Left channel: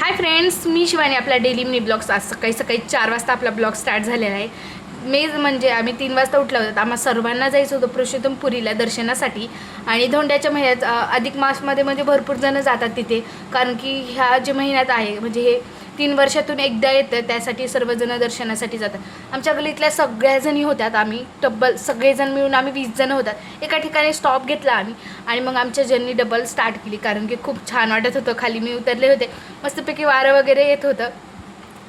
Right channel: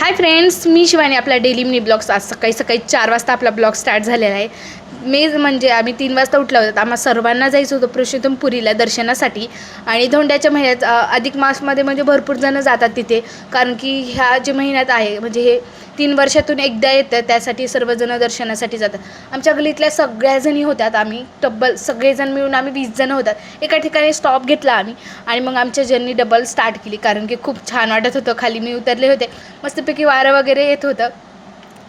Hi friends, मी शिवानी. आपला daily mini blogs आज सकाळी सकाळी 4 वाजता आपला ब्लॉग स्टार्ट झालेला आहे. म्हणजे आम्ही 3 वाजता उठला होता. आम्हा सर्वांना जायचं होतं पुरुषोत्तमपुरीला दर्शनासाठी. आणि धोंड्याच्या महिन्यात अधिक मासमध्ये म्हणजे भरपूर जण जातात तिथे, कारण की ह्या जे महिन्यात आहे म्हणजे हे 3 वर्षातून एकदा येतं, त्यासाठी सर्वजण दर्शनासाठी जातात. आमच्या गलीतल्या सगळ्याजणी होत्यात. आम्ही तब्बल सगळेजण मिळून आम्ही 20 जण होतात. एका ठिकाणी स्टॉप घेतला आम्ही आणि मग आमच्या जर्नी डबल स्टार्ट केली, कारण की खूप छान वाटत होतं. खाली मी उतरले होते, मस्तपैकी वारं वगैरे येत होतं.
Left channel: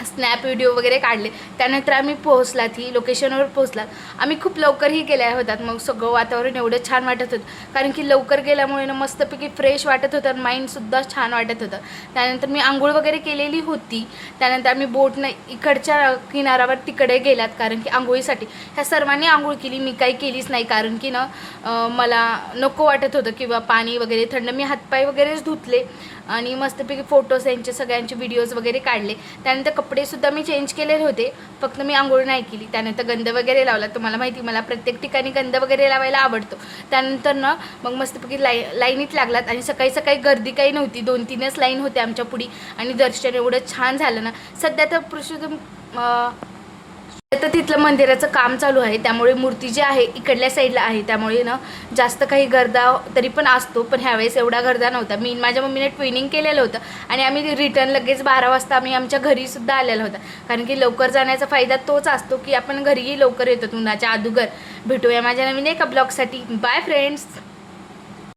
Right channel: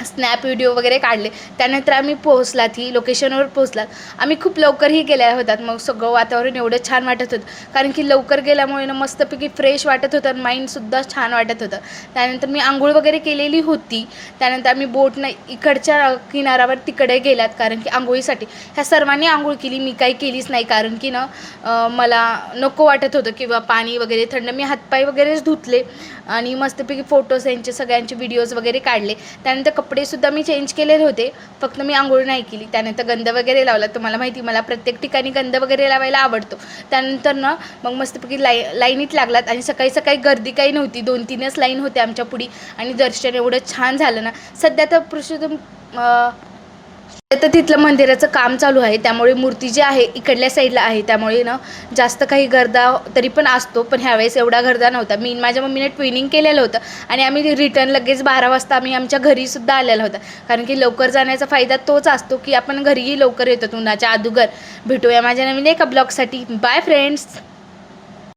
स्नॅप व्हिडिओ वगैरे काढले. त्यानंतर आम्ही पोहोचलात, ही लोकेशनवर पोहोचलात. आम्ही खूप लवकरही गेल्या होतात. मग सगळं वातावरण एवढं छान वाटत होतं, कारण की लवकर गेल्यामुळे ना मस्तपैकी फ्रेश वाटत होतं आणि माइंडसुद्धा छान वाटत होतं. त्यानंतर मी आंघोळ वगैरे केलेली होती. त्यानंतर आम्ही बोटनं इकडच्या किनाऱ्यावर तिकडे गेल्यात, कारण की आंघोळीसाठी. ह्या सर्वांनी आंघोळ केली, मी काही केलीच नाही, कारण की ना मला नको वाटत होतं किंवा पाणी वगैरे थंड. मी हातपाय वगैरेच धुतले आणि मस्तपैकी फोटोज यांचे सगळ्यांचे व्हिडिओज वगैरे काढले. त्यानंतर कपडेसुद्धा मी चेंज केलेले होते, फक्त मी आंघोळ नाही केली. त्यानंतर गंध वगैरे लावला. तुम्हाला माहिती, मला प्रत्येक ठिकाणी गंध वगैरे लावायला आवडतो. त्यानंतर ना मग मस्तपैकी लाईनीत लागलात. आणि सकाळी सकाळी गर्दी काही नव्हती, 2-3च लाईन होते आमच्या पुढे. आणि दर्शन एवढं छान झालं ना. सध्या तर पुरुषोत्तम तर तिथलं मंदिराचं काम चालू आहे, त्यामुळे मूर्ती जी आहे इकडल्या साईडला आहे, त्यामुळे ना जास्त काही गर्दा तरी पण असतो, पण ह्यावेळेस एवढा गर्दा नव्हता. माझ्या मम्मीने ट्विनिंग केलेलं होतं आणि आम्ही रिटर्न लगेच 12 वाजता आम्ही आमच्या घरीसुद्धा आलेला होता, कारण की लवकर जाण्याचा फायदा तोच असतो की आपण घरीही लवकर येतो. उन्हाच्या अगोदर भेटूया माझ्या नवीन एका ब्लॉगसाठी. Bye friends.